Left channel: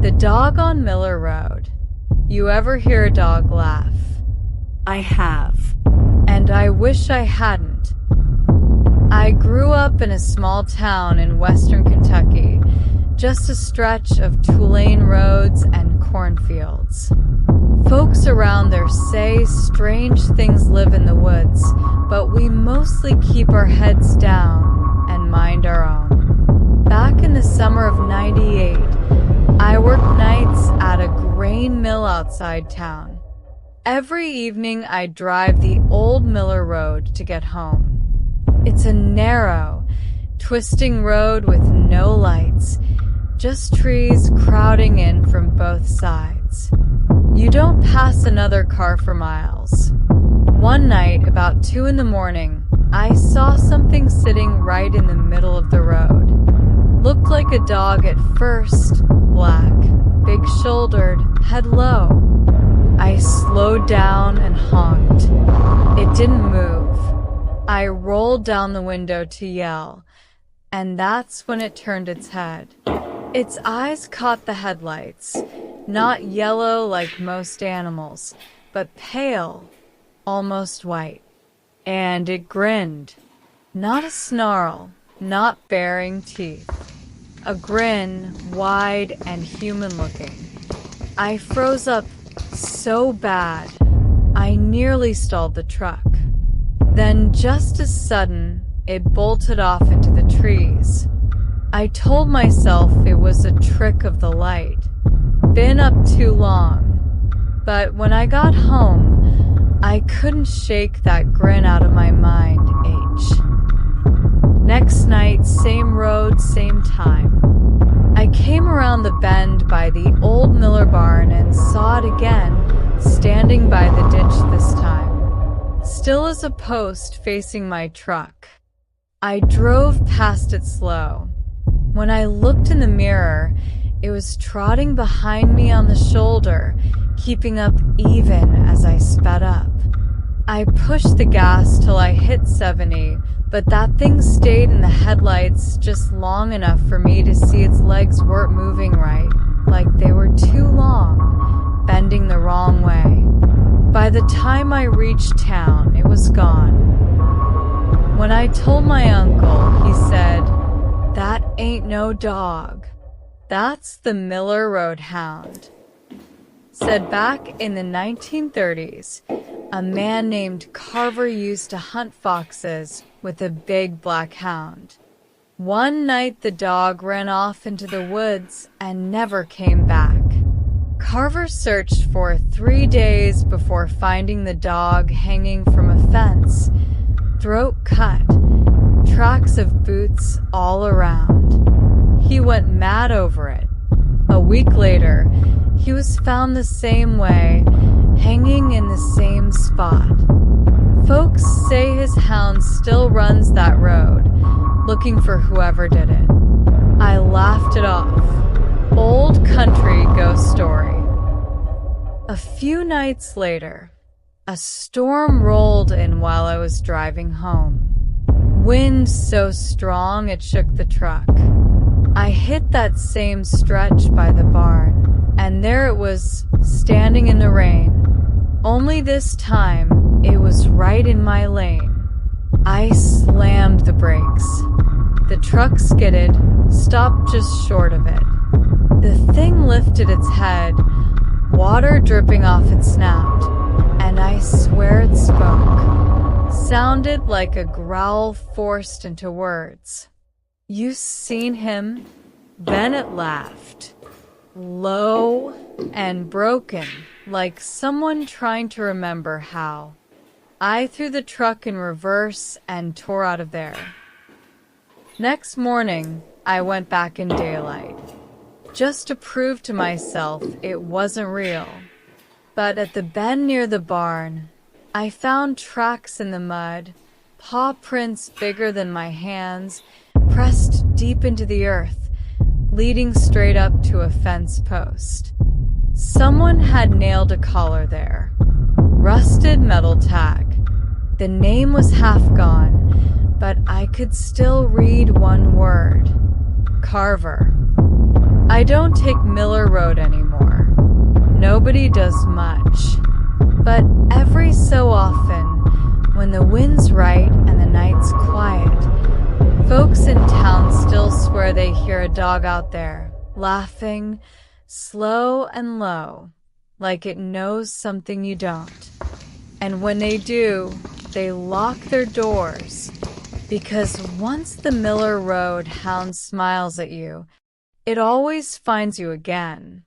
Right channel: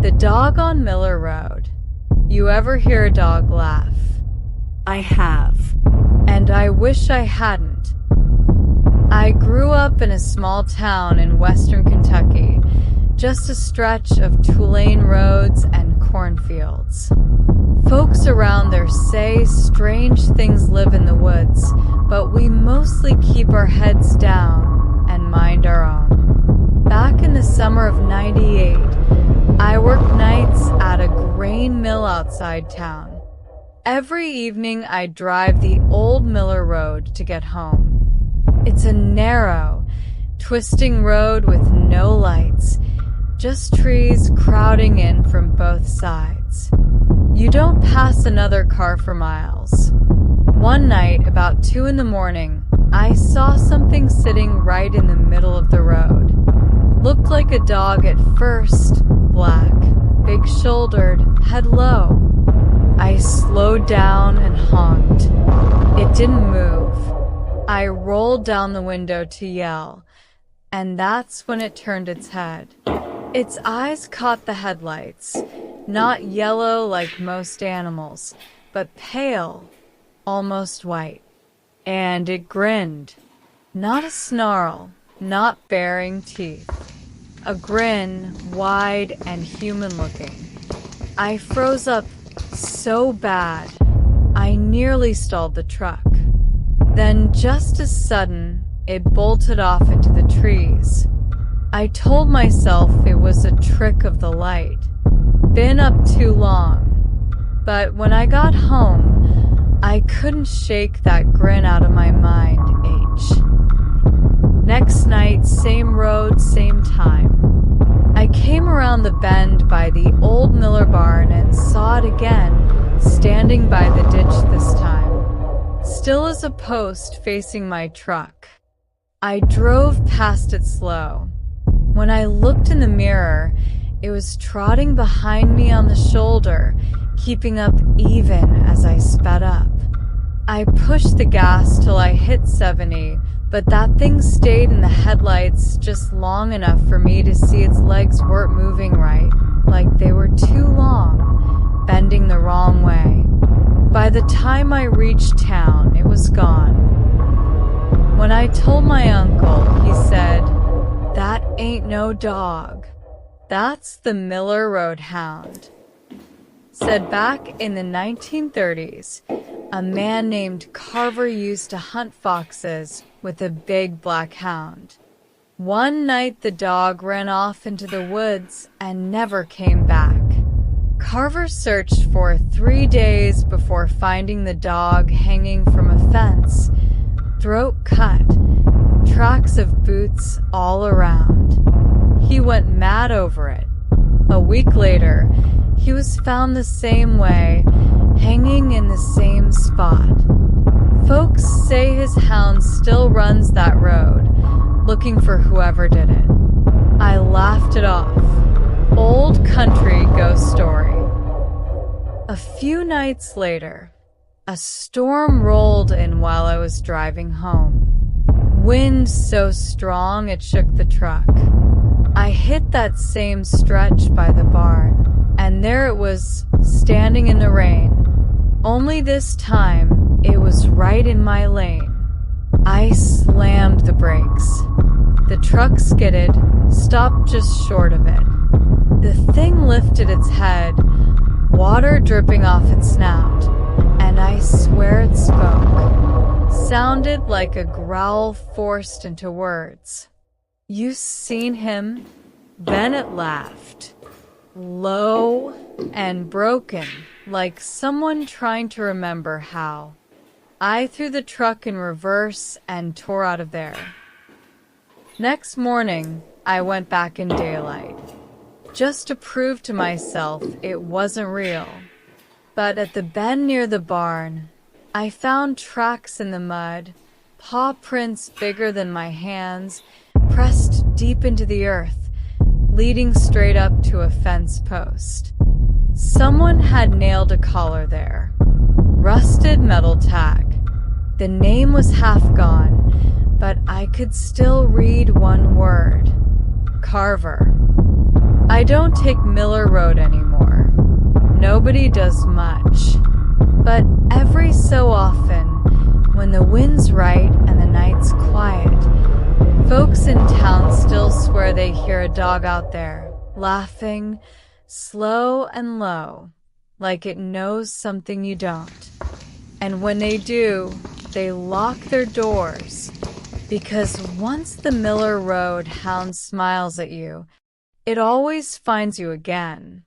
The dog on Miller Road. You ever hear a dog laugh? I have. And I wish I hadn't. I grew up in a small town in western Kentucky, just a stretch of two-lane roads and cornfields. Folks around there say strange things live in the woods, but we mostly keep our heads down and mind our own. Back in the summer of '98, I worked nights at a grain mill outside town. Every evening I'd drive the old Miller Road to get home. It's a narrow, twisting road with no lights, just trees crowding in from both sides. You don't pass another car for miles. One night, about 2 a.m, I saw something sitting right in the middle of the road. Looked like a dog at first, black, big-shouldered, head low. I slowed down and honked. It didn't move. I rolled down the window to yell, and that's when it turned its head. Its eyes caught the headlights, not yellow like most animals, but pale, almost white. And it grinned. Not a snarl, not baring teeth. A grin, wide and human-looking. I froze up so bad, I nearly stalled the truck. Then, just as sudden, it bolted off into the trees. I told myself it was a trick of the light. Been up too long. But when I got home, I couldn't shake that grin out of my mind, H. Next night, same road, same time. I came around the bend by the old Miller barn and saw it again, standing by the ditch this time. Still as a post facing my truck. I drove past it slow. When I looked in the mirror, it was trotting behind me on the shoulder, keeping up even as I sped up. I pushed the gas till I hit 70, but that thing stayed in the headlights just long enough for me to see its legs weren't moving right, like they were too long, bending the wrong way. By the time I reached town, it was gone. When I told my uncle, he said, "That ain't no dog. That's the Miller Road Hound." Said back in the 1930s, a man named Carver used to hunt foxes with a big black hound. One night the dog ran off into the woods and never came back. Carver searched for 3 days before finding the dog hanging from a fence, throat cut, tracks of boots all around. He went mad over it. A week later, he was found the same way, hanging in the same spot. Folks say his hound still runs that road, looking for whoever did it. I laughed it off. Old country ghost story. A few nights later, a storm rolled in while I was driving home. Wind so strong it shook the truck. I hit that same stretch by the barn, and there it was, standing in the rain. Only this time, it was right in my lane. I slammed the brakes. The truck skidded, stopped just short of it. The thing lifted its head, water dripping off its snout, and I swear it spoke. Sounded like a growl forced into words. "You seen him?" Then it laughed. Low and broken, like someone trying to remember how. I threw the truck in reverse and tore out of there. Next morning, I went back in daylight, just to prove to myself it wasn't real. But at the bend near the barn, I found tracks in the mud, paw prints bigger than my hands, pressed deep into the earth, leading straight up to a fence post. Someone had nailed a collar there. Rusted metal tag. The name was half gone, but I could still read one word. Carver. I don't take Miller Road anymore. Nobody does much. But every so often, when the wind's right and the night's quiet, folks in town still swear they hear a dog out there, laughing, slow and low, like it knows something you don't. And when they do, they lock their doors, because once the Miller Road hound smiles at you, it always finds you again.